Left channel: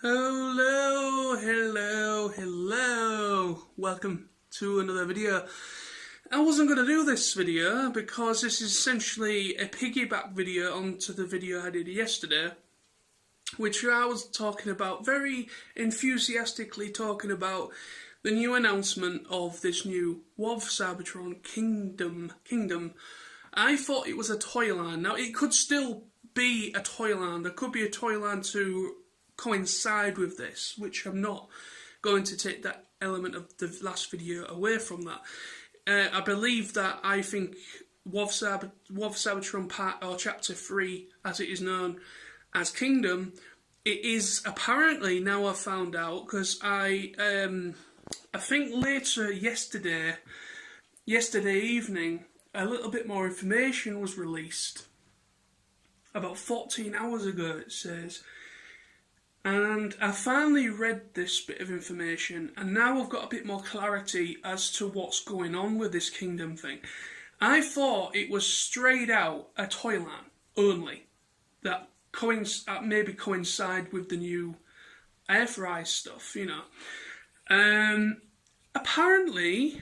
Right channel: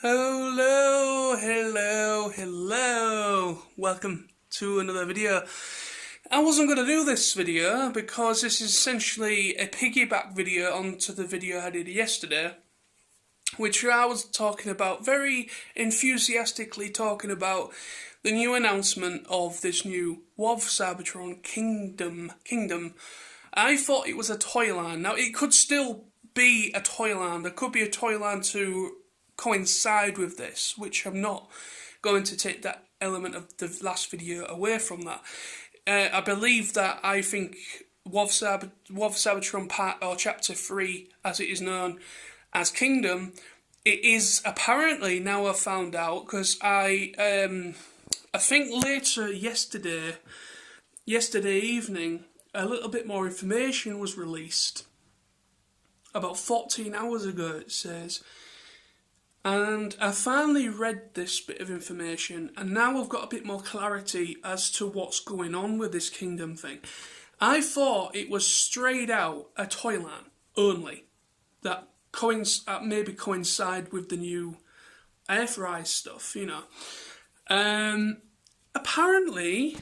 Hello. Welcome to another video. I wasn't going to do this video because this is essentially a piggyback video onto the video I did yesterday, which I was talking about, very enthusiastically talking about the new announcement of this new WFC Cybertron Kingdom. I thought it was a toy line. Now, it could still be a toy line. There could be a toy line to coincide with this, which I'm not going to take that element of the last video away from that. I believe that I think WFC Cybertron Part, or Chapter 3, as it is known as Kingdom, it is apparently, now I've found out, because I think later yesterday evening, a little bit more information was released. About 14 hours ago, it says. And I finally read this bit of information, and now I've got a bit more clarity as to what's going on with this Kingdom thing. I thought it was straight out a toy line only, that maybe coincide with the new Airfry stuff, you know. Apparently,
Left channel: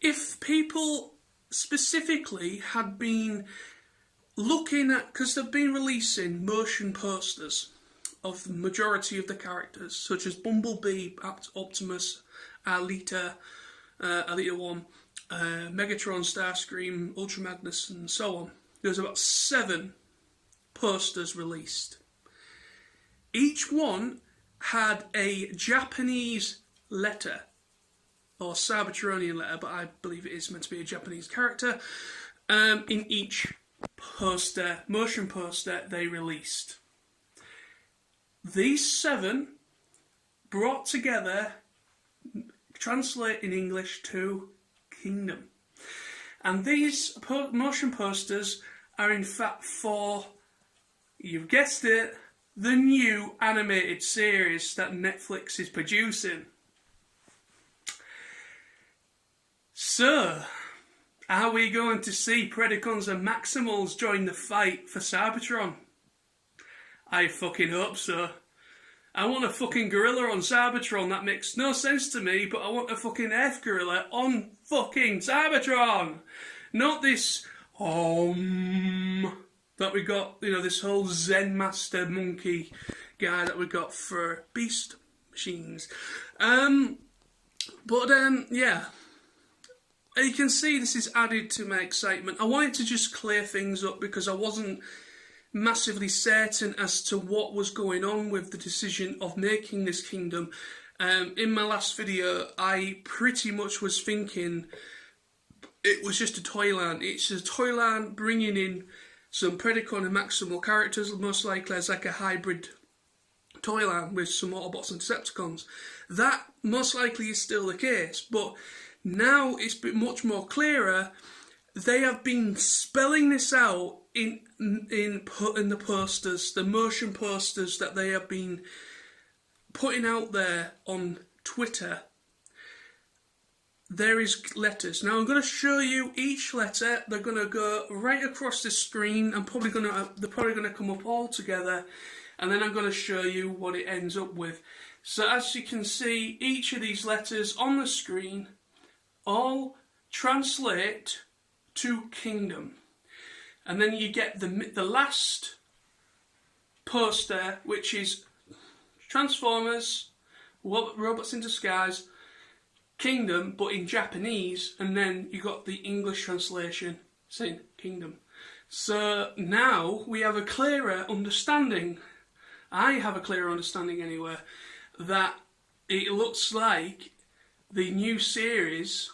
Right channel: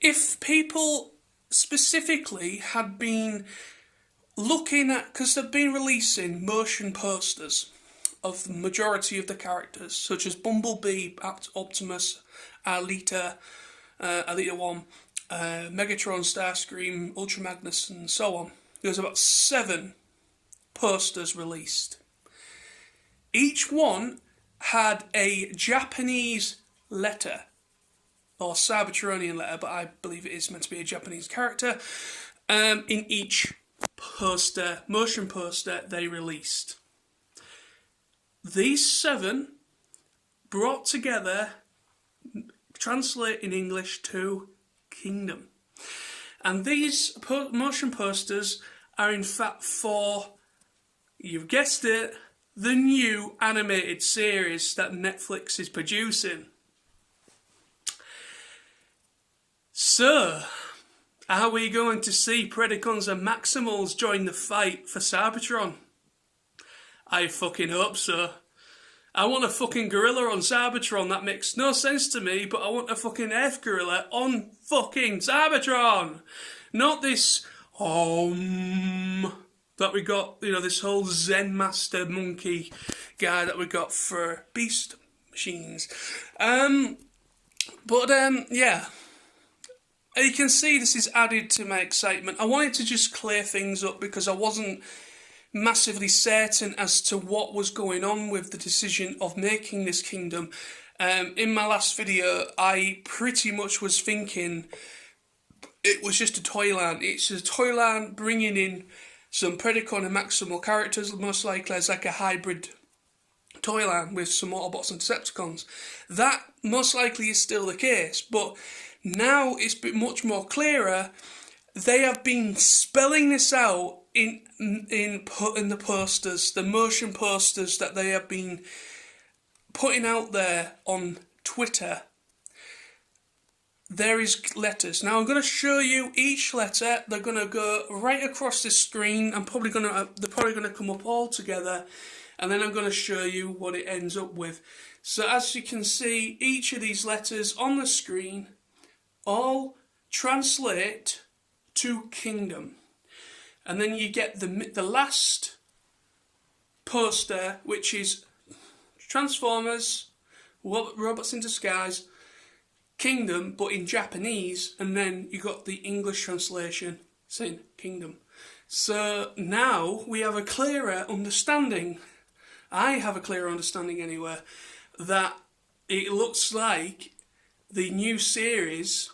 if people specifically had been looking at, because they've been releasing motion posters of the majority of the characters, such as Bumblebee, Optimus, Alita 1, Megatron, Starscream, Ultra Magnus, and so on. There's about 7 posters released. Each one had a Japanese letter, or Cybertronian letter, but I believe it is meant to be a Japanese character, in each motion poster they released. These 7 brought together translate in English to Kingdom. And these motion posters are in fact for, you've guessed it, the new animated series that Netflix is producing. So, are we going to see Predacons and Maximals join the fight for Cybertron? I fucking hope so. I want a fucking gorilla on Cybertron. That makes no sense to me, but I want a fucking F gorilla on fucking Cybertron. Not this that we got, you know, this whole Zen Master monkey guy that we got for Beast Machines. Yeah. You can see this is added to my excitement. I wanted to just clear things up because I wasn't massively certain as to what was going on with the decision of making this Kingdom. In my last video, I pretty much was thinking it was just a toy line. It's a toy line bringing in some Predacon and Maximal characters, most likely as like a hybrid toy line with some Autobots and Decepticons. That most likely is still the case, but now it's been much more clearer. They have been spelling this out in the posters, the motion posters that they have been putting out there on Twitter. There is letters. Now I'm going to show you each letter. They're going to go right across the screen. They're probably going to come up all together, and then I'm going to show you what it ends up with. So as you can see, each of these letters on the screen all translate to Kingdom. And then you get the last poster, which is Transformers, Robots in Disguise, Kingdom, but in Japanese, and then you got the English translation saying Kingdom. So now we have a clearer understanding. I have a clearer understanding anyway, that it looks like the new series.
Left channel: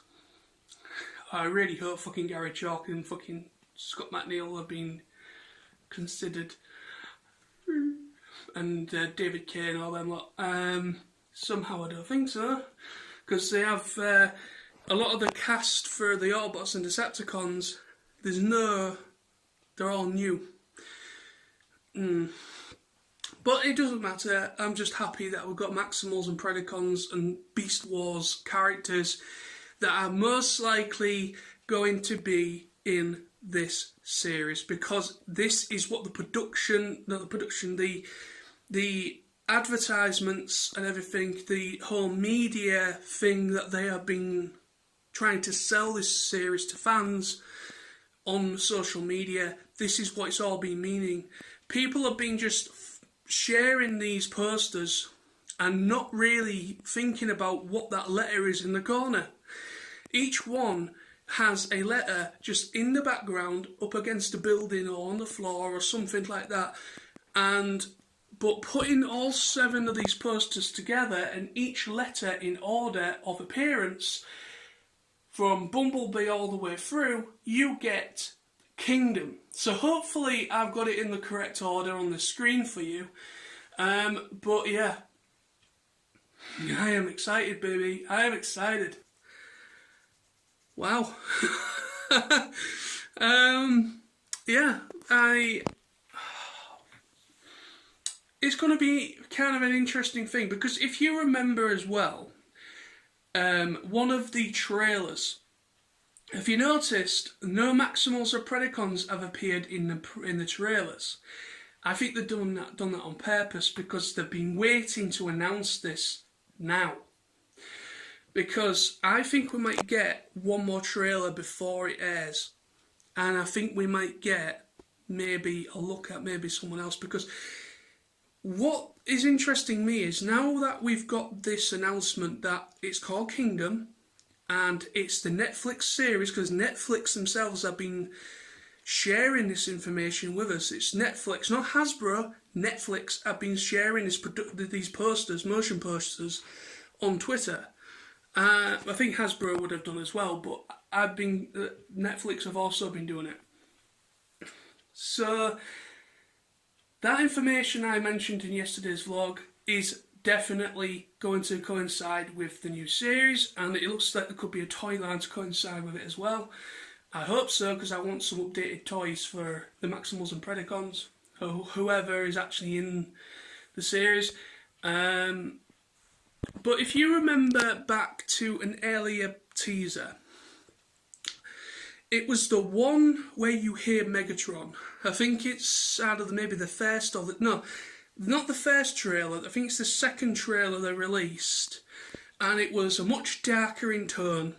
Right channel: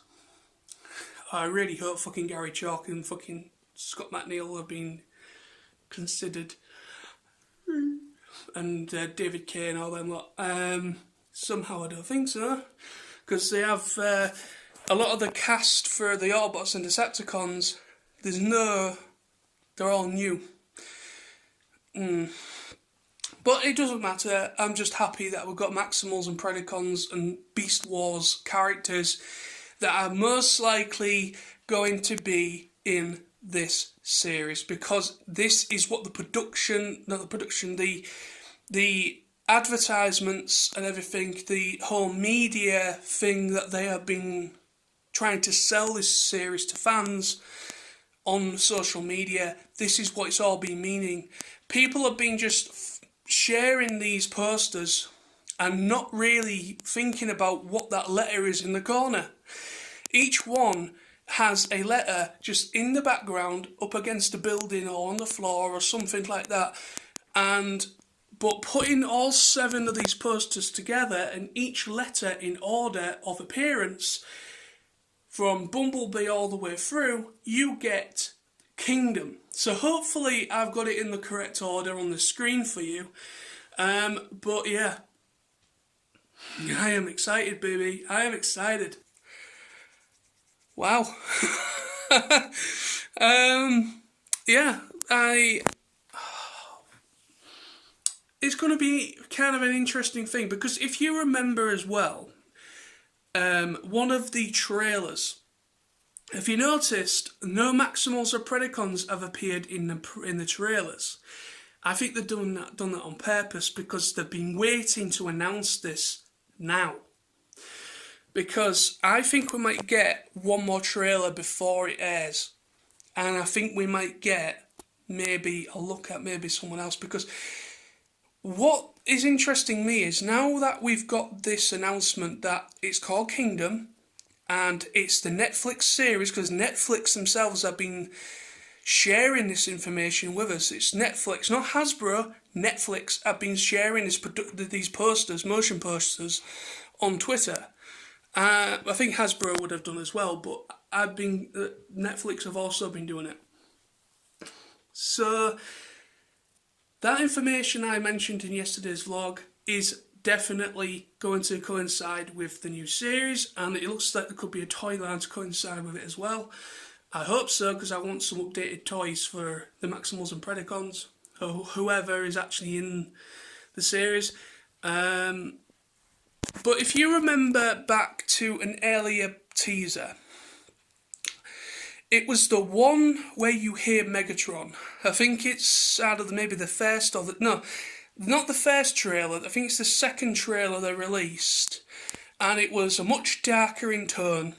I really hope fucking Gary Chalk and fucking Scott McNeil have been considered, and David Kay and all them lot. Somehow I don't think so, because they have a lot of the cast for the Autobots and Decepticons. They're all new. But it doesn't matter. I'm just happy that we've got Maximals and Predacons and Beast Wars characters that are most likely going to be in this series, because this is what the the advertisements and everything, the whole media thing that they have been trying to sell this series to fans on social media, this is what it's all been meaning. People have been just sharing these posters and not really thinking about what that letter is in the corner. Each one has a letter just in the background up against a building or on the floor or something like that. But putting all 7 of these posters together and each letter in order of appearance from Bumblebee all the way through, you get Kingdom. So hopefully I've got it in the correct order on the screen for you. But yeah, I am excited, baby. I am excited. Wow. Yeah, it's going to be kind of an interesting thing, because if you remember as well, one of the trailers, if you noticed, no Maximals or Predacons have appeared in the trailers. I think they've done that on purpose, because they've been waiting to announce this now. Because I think we might get one more trailer before it airs. And I think we might get maybe a look at maybe someone else. Because what is interesting me is, now that we've got this announcement that it's called Kingdom, and it's the Netflix series, because Netflix themselves have been sharing this information with us. It's Netflix, not Hasbro. Netflix have been sharing these posters, motion posters, on Twitter. I think Hasbro would have done as well, but Netflix have also been doing it. So that information I mentioned in yesterday's vlog is definitely going to coincide with the new series, and it looks like there could be a toy line to coincide with it as well. I hope so, because I want some updated toys for the Maximals and Predacons, or whoever is actually in the series. But if you remember back to an earlier teaser, it was the one where you hear Megatron. I think it's out of maybe the first or no, not the first trailer. I think it's the second trailer they released, and it was a much darker in tone.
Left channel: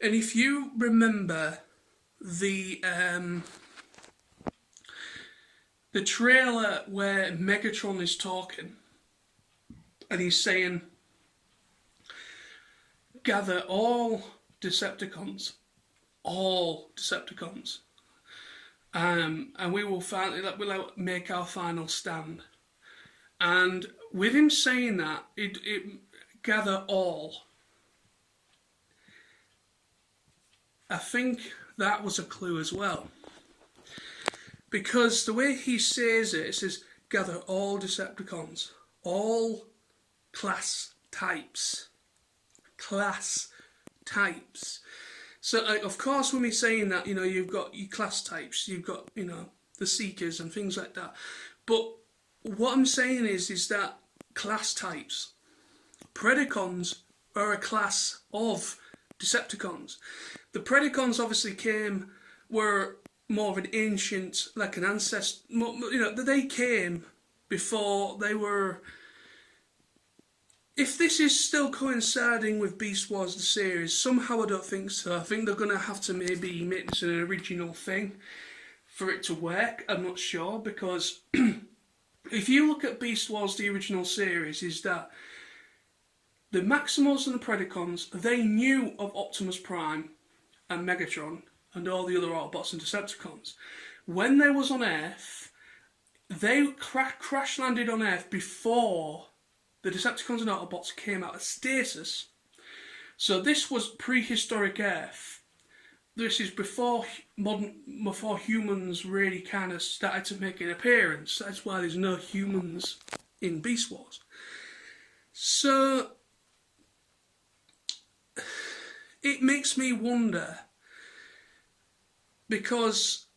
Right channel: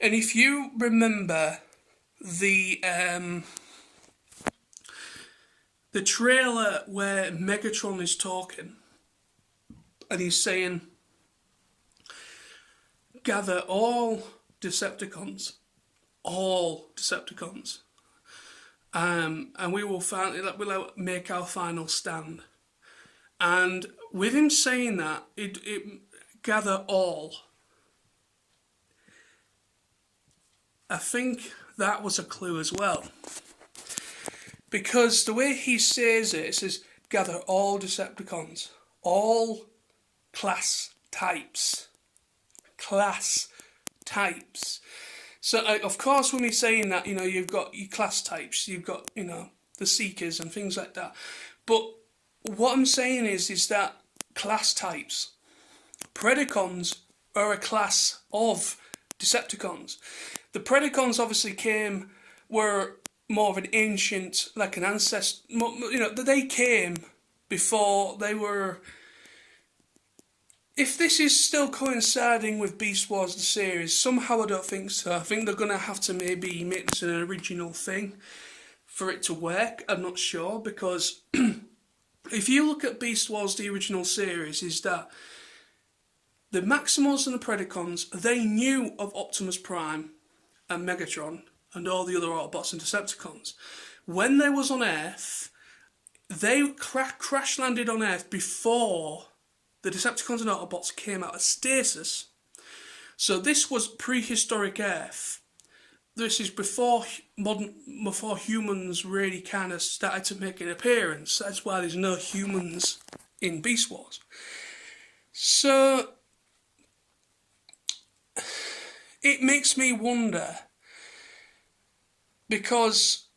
And if you remember the trailer where Megatron is talking, and he's saying, "Gather all Decepticons, and we will we'll make our final stand." And with him saying that, it gather all, I think that was a clue as well. Because the way he says it says, "Gather all Decepticons, all class types. So, of course, when we're saying that, you've got your class types, you've got, the Seekers and things like that. But what I'm saying is that class types, Predacons are a class of Decepticons. The Predacons obviously were more of an ancient, like an ancestor, they came before they were. If this is still coinciding with Beast Wars, the series, somehow I don't think so. I think they're going to have to maybe make this an original thing for it to work. I'm not sure, because if you look at Beast Wars, the original series, is that the Maximals and the Predacons, they knew of Optimus Prime and Megatron and all the other Autobots and Decepticons. When they was on Earth, they crash landed on Earth before the Decepticons and Autobots came out of stasis. So this was prehistoric Earth. This is before humans really kind of started to make an appearance. That's why there's no humans in Beast Wars. So it makes me wonder, because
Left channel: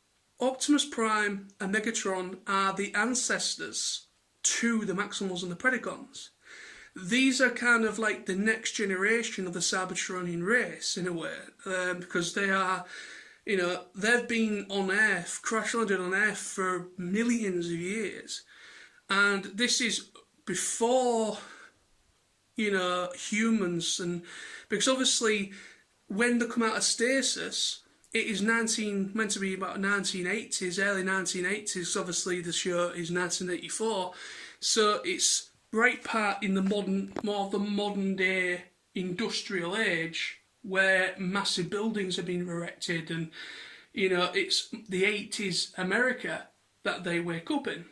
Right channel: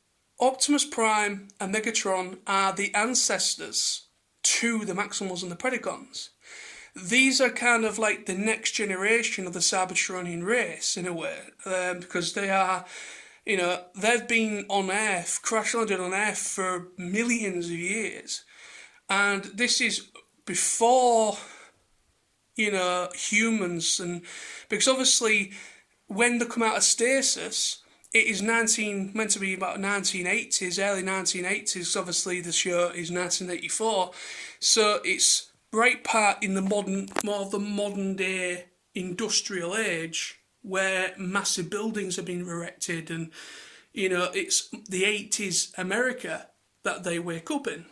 Optimus Prime and Megatron are the ancestors to the Maximals and the Predacons. These are kind of like the next generation of the Cybertronian race, in a way, because they are, they've been on Earth, crash landed on Earth for millions of years, And this is before, you know, humans, and because obviously when they come out of stasis, it is meant to be about 1980s, early 1980s. Obviously, the show is 1984, so it's right part in the more of the modern day industrial age, where massive buildings have been erected, and you know, it's the 80s America that they wake up in,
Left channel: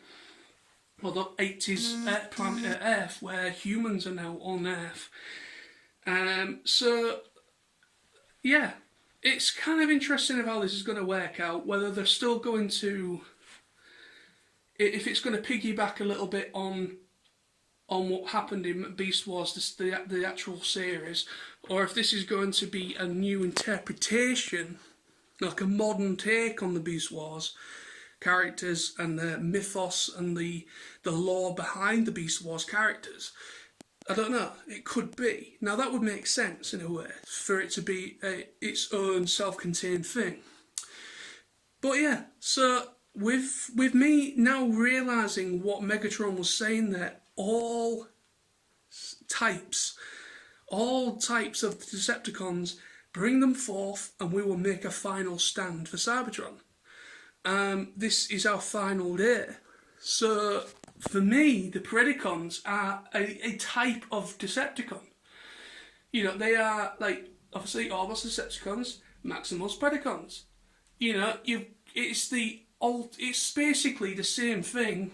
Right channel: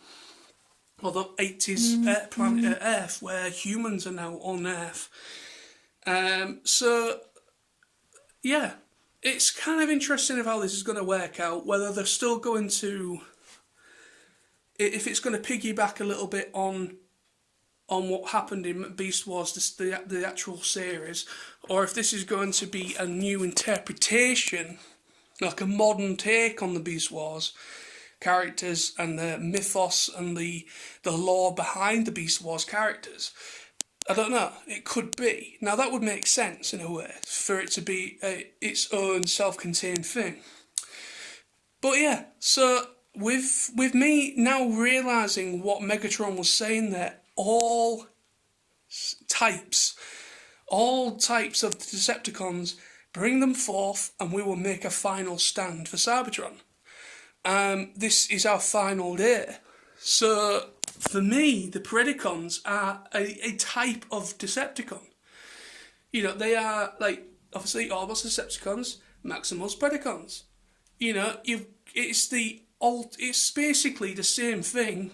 or the 80s planet Earth, where humans are now on Earth. So yeah, it's kind of interesting of how this is going to work out, whether they're still going to, if it's going to piggyback a little bit on what happened in Beast Wars, the actual series, or if this is going to be a new interpretation, like a modern take on the Beast Wars characters and the mythos and the lore behind the Beast Wars characters. I don't know, it could be. Now that would make sense in a way, for it to be its own self-contained thing. But yeah, so with me now realising what Megatron was saying there, all types of Decepticons, bring them forth and we will make a final stand for Cybertron. This is our final day. So for me, the Predacons are a type of Decepticon. You know, they are like, obviously, Autobots Decepticons, Maximals Predacons. You know, it's basically the same thing,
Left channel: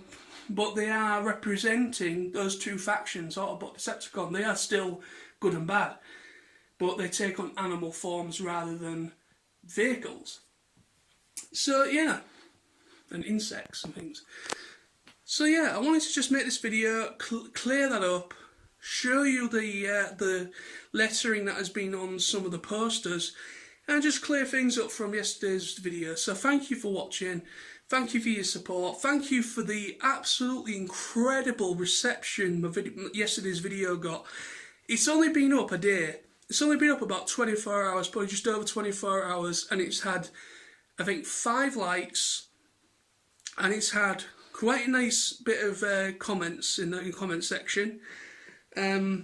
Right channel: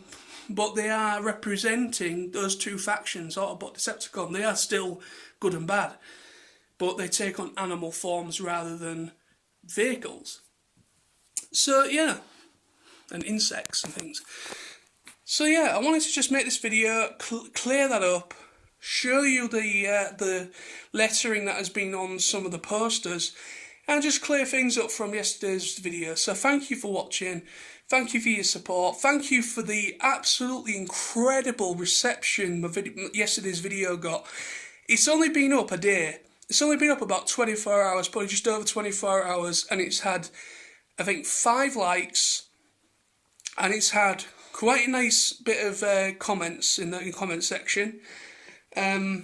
but they are representing those two factions, Autobot, Decepticon. They are still good and bad, but they take on animal forms rather than vehicles. So yeah, and insects and things. So yeah, I wanted to just make this video, clear that up, show you the lettering that has been on some of the posters, and just clear things up from yesterday's video. So thank you for watching, thank you for your support, thank you for the absolutely incredible reception yesterday's video got. It's only been up a day, it's only been up about 24 hours, probably just over 24 hours, and it's had, I think, 5 likes, and it's had quite a nice bit of comments in the comment section. Yeah.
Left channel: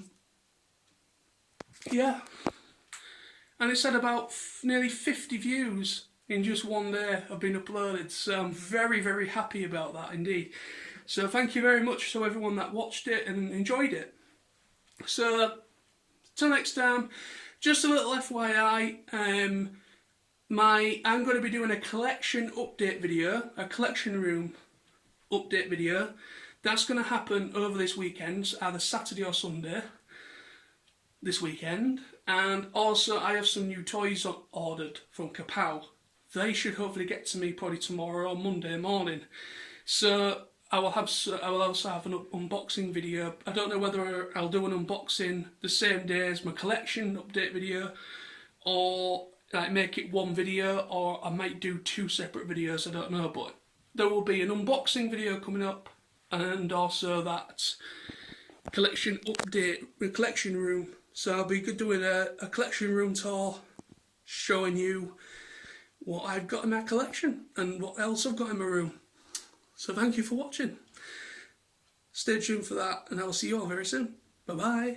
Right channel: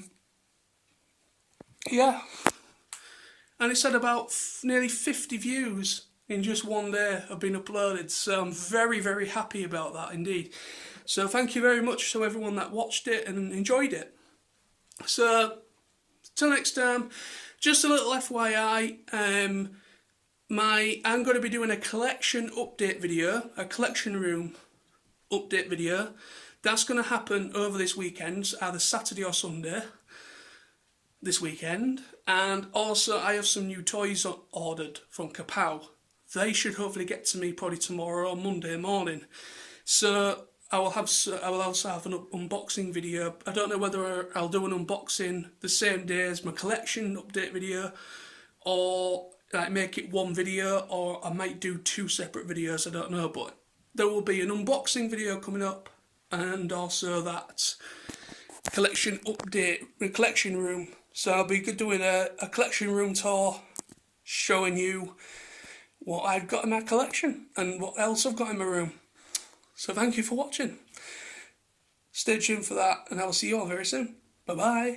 And it's had about nearly 50 views in just one day have been uploaded. So I'm very, very happy about that indeed. So thank you very much to everyone that watched it and enjoyed it. So, till next time, just a little FYI, I'm going to be doing a collection update video, a collection room update video. That's going to happen over this weekend, either Saturday or Sunday this weekend. And also I have some new toys ordered from Kapow. They should hopefully get to me probably tomorrow or Monday morning. So I will also have an unboxing video. I don't know whether I'll do an unboxing the same day as my collection update video, or like make it one video, or I might do 2 separate videos, I don't know, but there will be an unboxing video coming up, and also that collection update, collection room. So I'll be doing a collection room tour, showing you what I've got in my collection and what else I've got in my room. So thank you for watching. Stay tuned for that, and I will see you all very soon. Bye bye.